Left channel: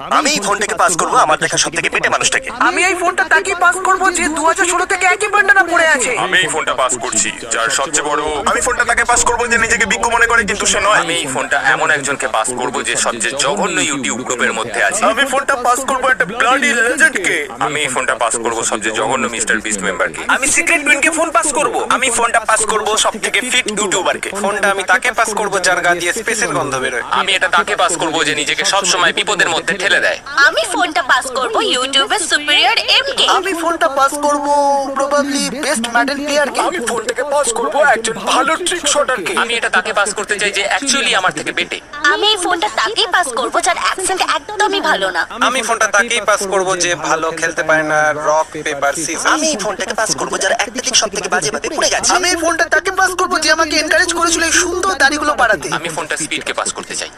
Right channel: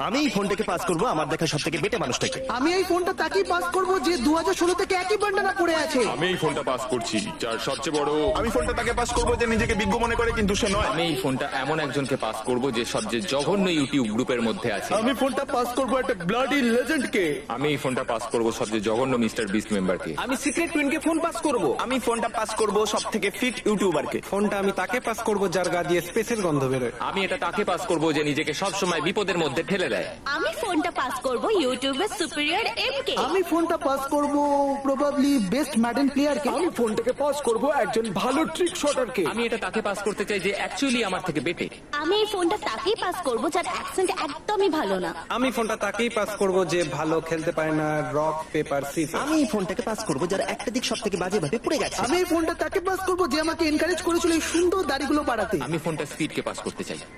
আমি এই ফোনটাকে পাস করবো আমার কাছে সবথেকে পেটে মানুষটাকে। আমি এই ফোনটা তাকে পাস করবো যে 2016 থেকে একই বান্ডানা পড়ে আছে। আমি এই ফোনটা পাস করছি যার সবচেয়ে বড়। আমি ফোনটা তাকে পাস করবো যে নিজেকে বিজ্ঞ মনে করে কিন্তু সে নয়। আমি এই ফোনটা এমন একজনকে পাস করবো যে সবচেয়ে জঘন্য ইউটিউব গ্রুপের মধ্যে আছে। আমি ফোনটা পাস করবো একটা ব্লাডি লেজেন্ডকে। আমি এই ফোনটা পাস করবো সবচেয়ে জঘন্য মিস্টার বিস্ট মেম্বারকে। আমি সিক্রেট টুইনকে ফোন পাস করবো। আমি ফোনটা পাস করবো সবথেকে ফিট ইউটিউবারকে। ফোনটা আমি তাকে পাস করবো যার গা দিয়ে স্পেসের গন্ধ বেরোয়। আমি এটা তাকে পাস করবো যে নিজেকে সবসময় বিপদের মধ্যে ঠেলে দেয়। আমি ফোনটা পাস করব ইউটিউবের সুপিরিয়র এমকে। আমি ফোনটা পাস করবো প্রবাবলি বেস্ট মেডেল প্লেয়ারকে। আমি ফোনটাকে পাস করবো একজন ভালো ট্রিক শটারকে। আমি এটা তাকে পাস করতে চাই যে অ্যাকচুয়ালি আমার থেকে বেটে। আমি এই ফোনটা তাকেই পাস করব যার অ্যাকসেন্ট একদমই ভালো না। আমি ফোনটা তাকেই পাস করবো যে ভালো খেলতে পারে না রক পেপার সিজার। আমি ফোনটাকে পাস করবো যারা একটা দিকে সবথেকে বাজে পড়ে গেছে। আমি ফোনটা তাকে পাস করবো যে আমাকে এনকারেজ করেছিল সুন্দর দাড়িগুলো বাড়াতে। আমি ফোনটা স্পিডকে পাস করতে চাই।